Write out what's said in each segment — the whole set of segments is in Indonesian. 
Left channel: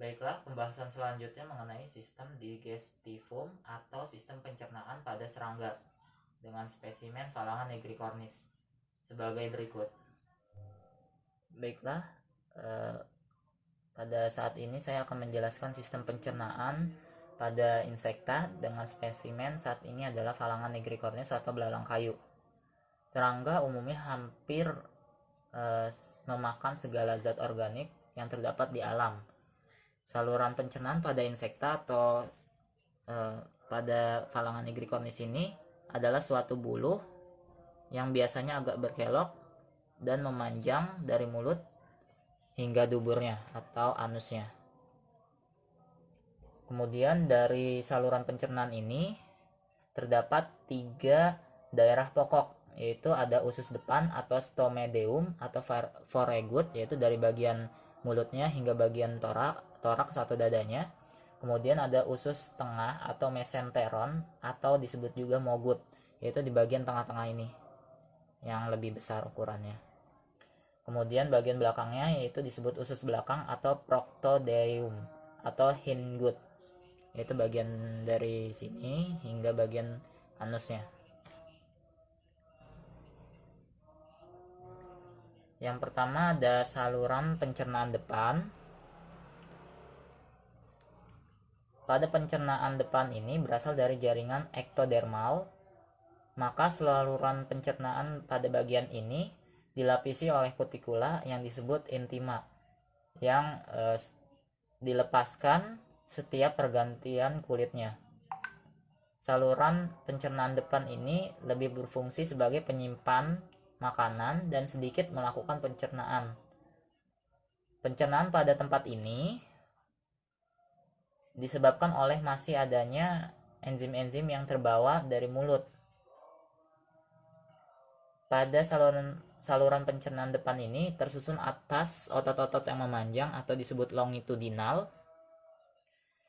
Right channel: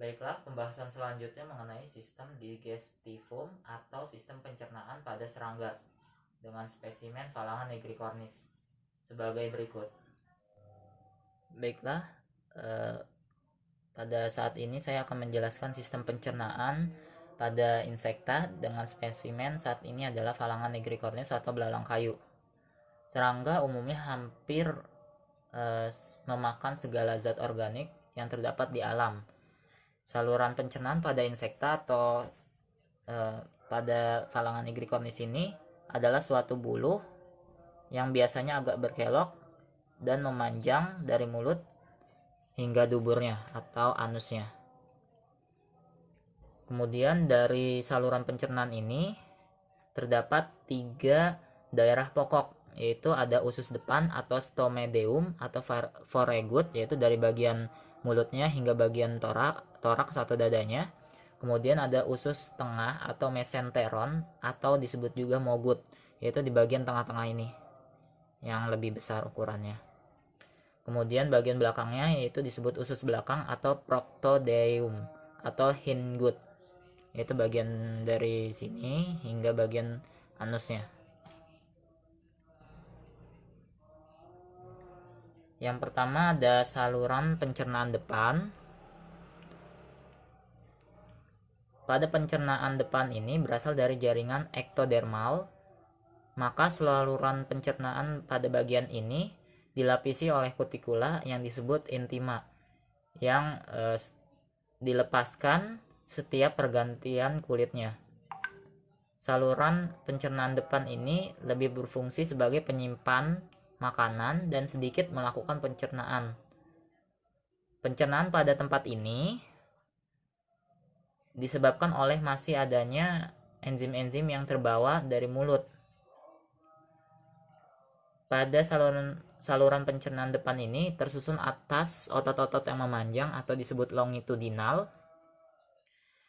Baiklah, pembahasan selanjutnya mengenai sistem digestivum atau sistem pencernaan pada serangga dengan spesimen Phalange nigricornis sebagai berikut. Baiklah, eh, pada saat ini saya akan menjelaskan sistem pencernaan pada insekta dengan spesimen saat ini adalah Phalange nigricornis atau belalang kayu. Serangga umumnya hampir memakan segala zat organik yang terdapat di alam. Saluran pencernaan pada insekta atau pada Phalange nigricornis ini adalah suatu buluh yang biasanya agak berkelok dan memanjang dari mulut hingga duburnya atau anusnya. Kemudian dari saluran pencernaan ini terdapat 3 daerah pokok, yaitu ada usus depan atau stomedeum atau foregut, yaitu dari bagian mulutnya hingga bagian toraks atau dadanya. Kemudian ada usus tengah atau mesenteron atau disebut juga mogut, yaitu di bagian tengah-tengah ini yang lebih besar ukurannya. Kemudian bagian belakangnya yaitu disebut usus belakang atau proctodeum atau hindgut, yaitu bagian dari sini hingga bagian anusnya. Yang pertama ada saluran pencernaan depan. Pada pencernaan depan ini berasal dari jaringan ektodermal, maka saluran pencernaan pada bagian ini dilapisi oleh kutikula yang disebut intima yang dilepaskan setiap pergantian kulitnya. Saluran pencernaan depan ini lebih berfungsi sebagai penyimpan makanan dan sedikit melakukan pencernaan. Pencernaan pada tempat ini disebabkan oleh masih adanya enzim-enzim yang terbawa dari mulut. Pada saluran pencernaan depan ini tersusun atas otot-otot yang memanjang atau disebut longitudinal.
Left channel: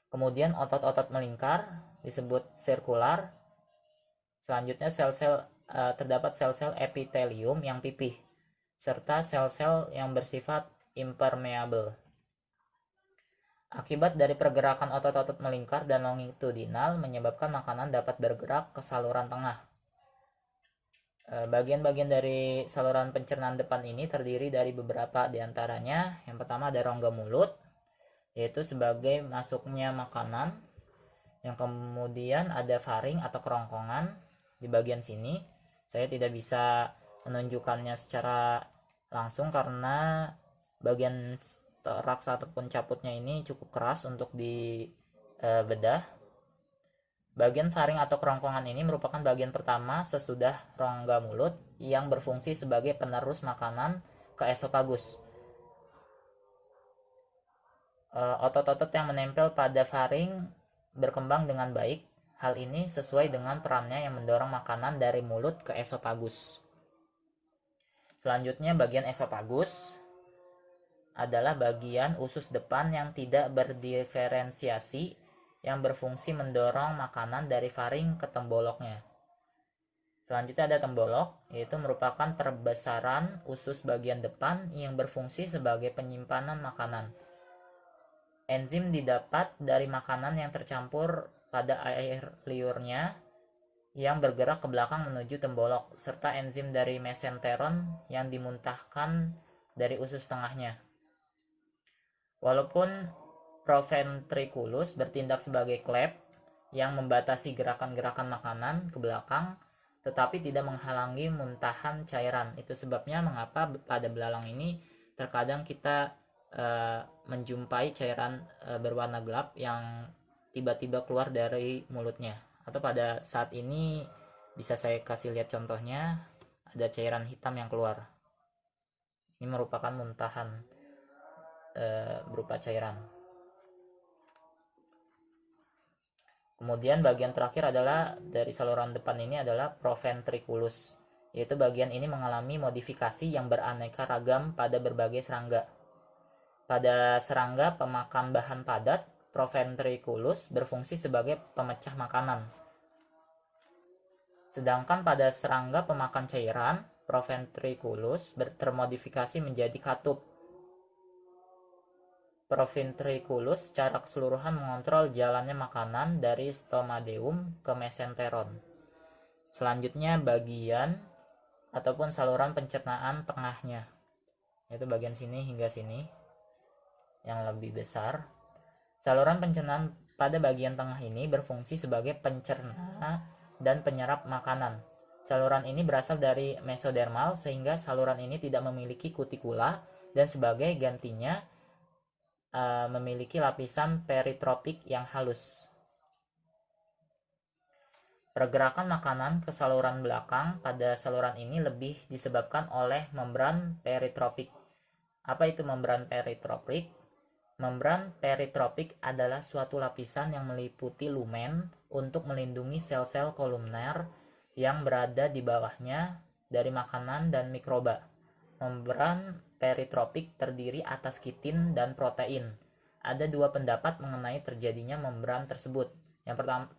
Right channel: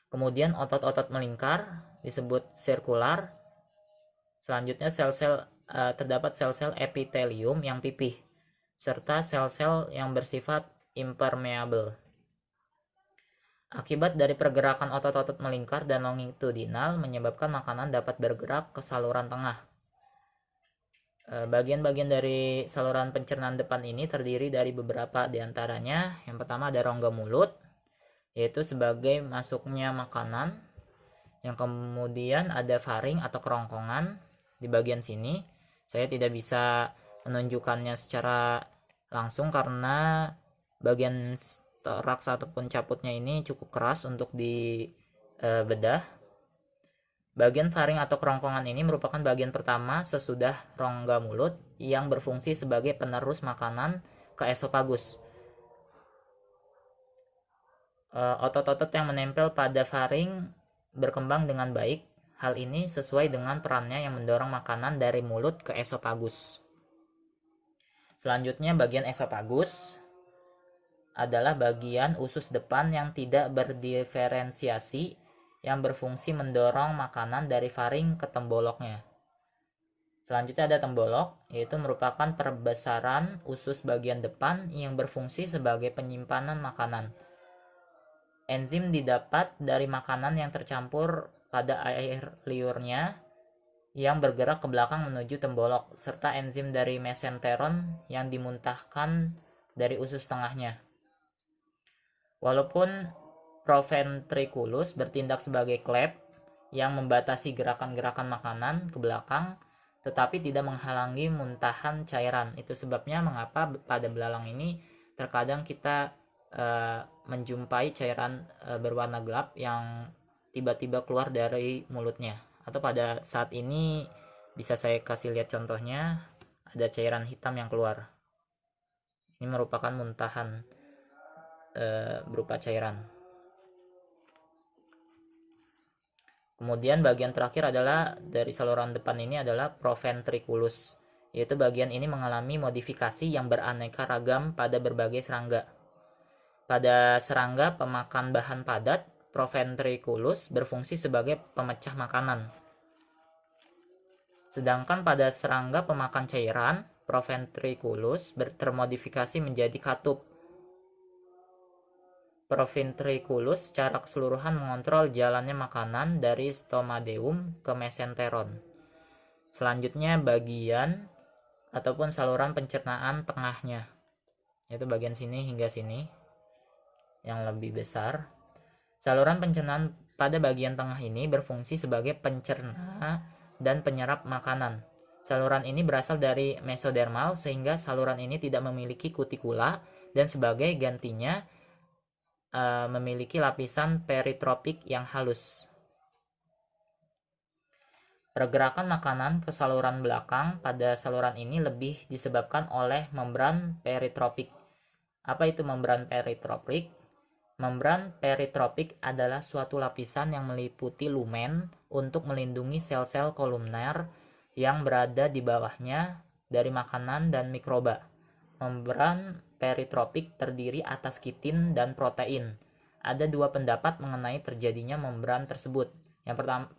Kemudian otot-otot melingkar disebut sirkular. Selanjutnya terdapat sel-sel epitelium yang pipih serta sel-sel yang bersifat impermeable. Akibat dari pergerakan otot-otot melingkar dan longitudinal menyebabkan makanan dapat bergerak ke saluran tengah. Bagian-bagian dari saluran pencernaan depan ini terdiri dari beberapa diantaranya. Yang pertama ada rongga mulut, yaitu sebagai masuknya makanan. Yang kemudian ada faring atau kerongkongan di bagian sini. Saya tidak bisa menunjukkannya secara langsung karena bagian toraks ataupun caputnya ini cukup keras untuk dibedah. Bagian faring atau kerongkongan ini merupakan bagian pertama sesudah rongga mulut yang berfungsi sebagai penerus makanan ke esofagus. Otot-otot yang menempel pada faring berkembang dengan baik. Hal ini sesuai dengan perannya yang mendorong makanan dari mulut ke esofagus. Selanjutnya bagian esofagus adalah bagian usus depan yang tidak berdiferensiasi yang berfungsi mendorong makanan dari faring ke temboloknya. Selanjutnya ada tembolok, yaitu merupakan perbesaran usus bagian depan yang berfungsi sebagai penyimpanan makanan. Enzim didapat dari makanan yang tercampur pada air liurnya yang bergerak ke belakang menuju tembolok, serta enzim dari mesenteron yang dimuntahkan dari usus tengahnya. Walaupun proventriculus bertindak sebagai klep yang membatasi gerakan-gerakan makanan ke belakang, tetapi tidak menghalangi muntahan cairan. Itu sebabnya mengapa pada belalang ini terkadang kita menjumpai cairan berwarna gelap yang tiba-tiba keluar dari mulutnya. Atau pada saat ini bisa saya kasih lihat contohnya, ada cairan hitam yang keluar. Ini merupakan muntahan berupa cairan. Kemudian bagian terakhir adalah dari saluran depan ini adalah proventriculus, yaitu bagian ini mengalami modifikasi yang beraneka ragam pada berbagai serangga. Pada serangga pemakan bahan padat, proventriculus berfungsi sebagai pemecah makanan. Sedangkan pada serangga pemakan cairan, proventriculus termodifikasi menjadi katup. proventriculus secara keseluruhan mengontrol jalannya makanan dari stomadeum ke mesenteron. Selanjutnya bagian ataupun saluran pencernaan tengahnya, yaitu bagian sini hingga sini yang lebih besar. Saluran pencernaan pada bagian tengah ini berfungsi sebagai pencerna dan penyerap makanan. Saluran ini berasal dari mesodermal sehingga saluran ini tidak memiliki kutikula dan sebagai gantinya memiliki lapisan peritropik yang halus. Pergerakan makanan ke saluran belakang pada saluran ini lebih disebabkan oleh membran peritropik. Apa itu membran peritropik? Membran peritropik adalah suatu lapisan yang meliputi lumen untuk melindungi sel-sel kolumner yang berada di bawahnya dari makanan dan mikroba. Membran peritropik terdiri atas kitin dan protein. Ada dua pendapat mengenai terjadinya membran tersebut.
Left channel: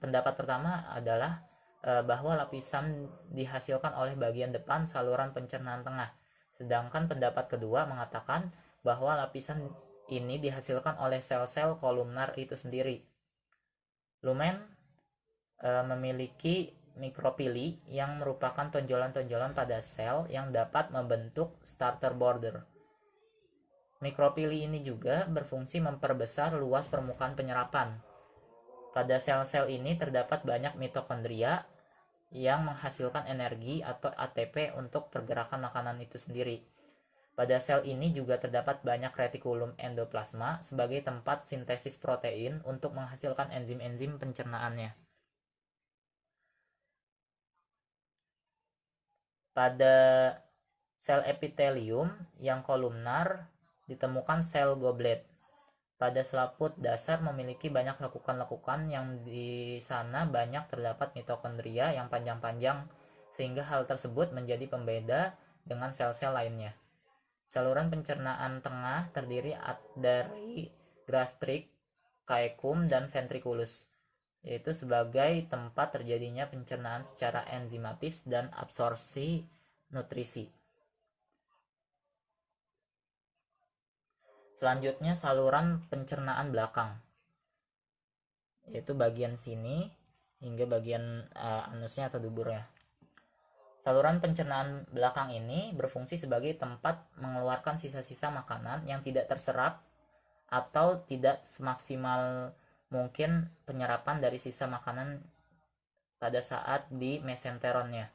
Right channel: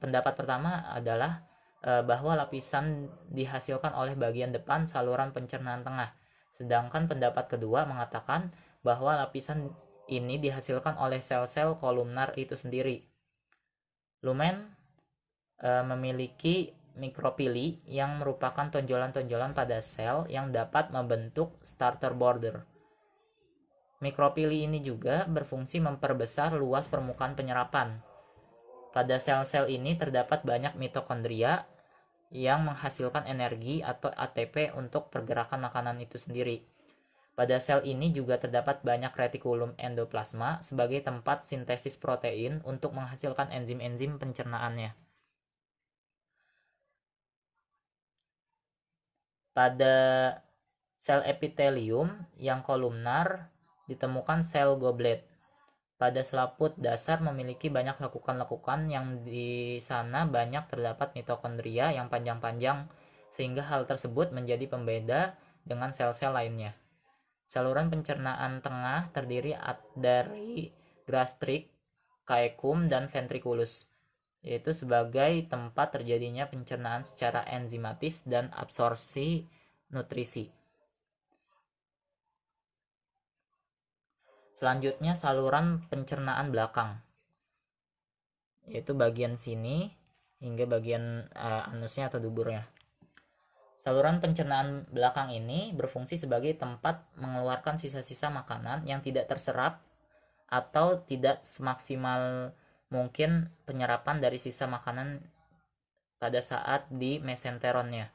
Pendapat pertama adalah bahwa lapisan dihasilkan oleh bagian depan saluran pencernaan tengah. Sedangkan pendapat kedua mengatakan bahwa lapisan ini dihasilkan oleh sel-sel kolumner itu sendiri. Lumen memiliki mikropili yang merupakan tonjolan-tonjolan pada sel yang dapat membentuk starter border. Mikropili ini juga berfungsi memperbesar luas permukaan penyerapan. Pada sel-sel ini terdapat banyak mitokondria yang menghasilkan energi atau ATP untuk pergerakan makanan itu sendiri. Pada sel ini juga terdapat banyak retikulum endoplasma sebagai tempat sintesis protein untuk menghasilkan enzim-enzim pencernaannya. Pada sel epitelium yang kolumnar ditemukan sel goblet. Pada selaput dasar memiliki banyak lekukan-lekukan yang di sana banyak terdapat mitokondria yang panjang-panjang sehingga hal tersebut menjadi pembeda dengan sel-sel lainnya. Saluran pencernaan tengah terdiri dari gastrik, caecum, dan ventriculus, yaitu sebagai tempat terjadinya pencernaan secara enzimatis dan absorpsi nutrisi. Selanjutnya saluran pencernaan belakang, yaitu bagian sini hingga bagian anusnya atau duburnya. Saluran pencernaan belakang ini berfungsi sebagai tempat mengeluarkan sisa-sisa makanan yang tidak terserap atau tidak semaksimal mungkin penyerapan dari sisa makanan pada saat di mesenteronnya.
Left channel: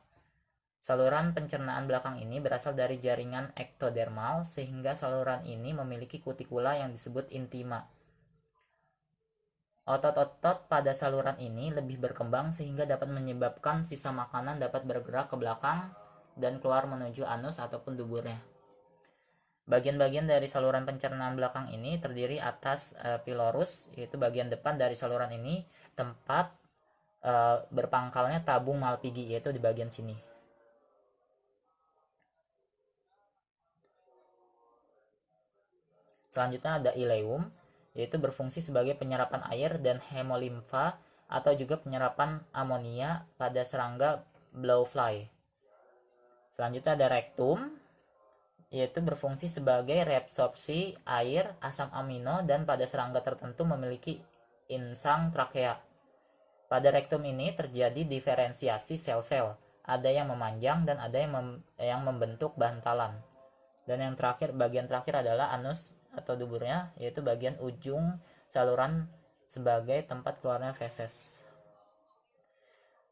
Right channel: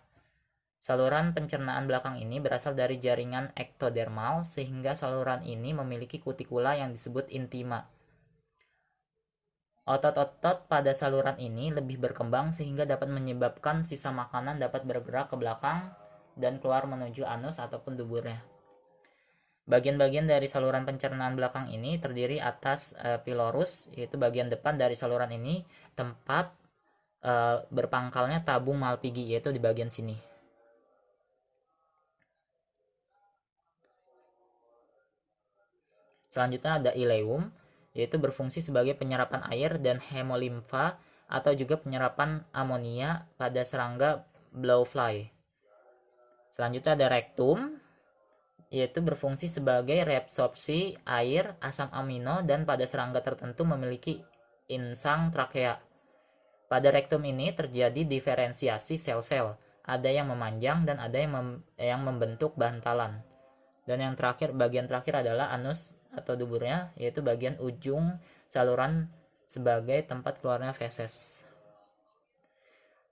Saluran pencernaan belakang ini berasal dari jaringan ektodermal sehingga saluran ini memiliki kutikula yang disebut intima. Otot-otot pada saluran ini lebih berkembang sehingga dapat menyebabkan sisa makanan dapat bergerak ke belakang dan keluar menuju anus ataupun duburnya. Bagian-bagian dari saluran pencernaan belakang ini terdiri atas pylorus, yaitu bagian depan dari saluran ini, tempat berpangkalnya tabung Malpighi, yaitu di bagian sini. Selanjutnya ada ileum, yaitu berfungsi sebagai penyerapan air dan hemolimfa atau juga penyerapan amonia pada serangga blowfly. Selanjutnya ada rektum, yaitu berfungsi sebagai reabsorpsi air, asam amino, dan pada serangga tertentu memiliki insang trakea. Pada rektum ini terjadi diferensiasi sel-sel, ada yang memanjang dan ada yang membentuk bantalan. Dan yang terakhir, bagian terakhir adalah anus atau duburnya, yaitu bagian ujung saluran sebagai tempat keluarnya feses.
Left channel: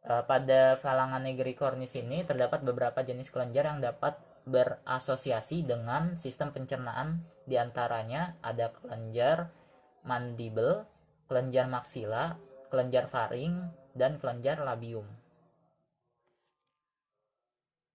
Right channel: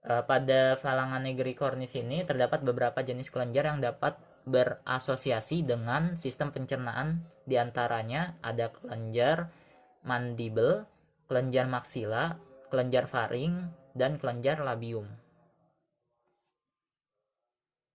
Pada Phalange nigricornis ini terdapat beberapa jenis kelenjar yang dapat berasosiasi dengan sistem pencernaan. Di antaranya ada kelenjar mandibel, kelenjar maksila, kelenjar faring, dan kelenjar labium.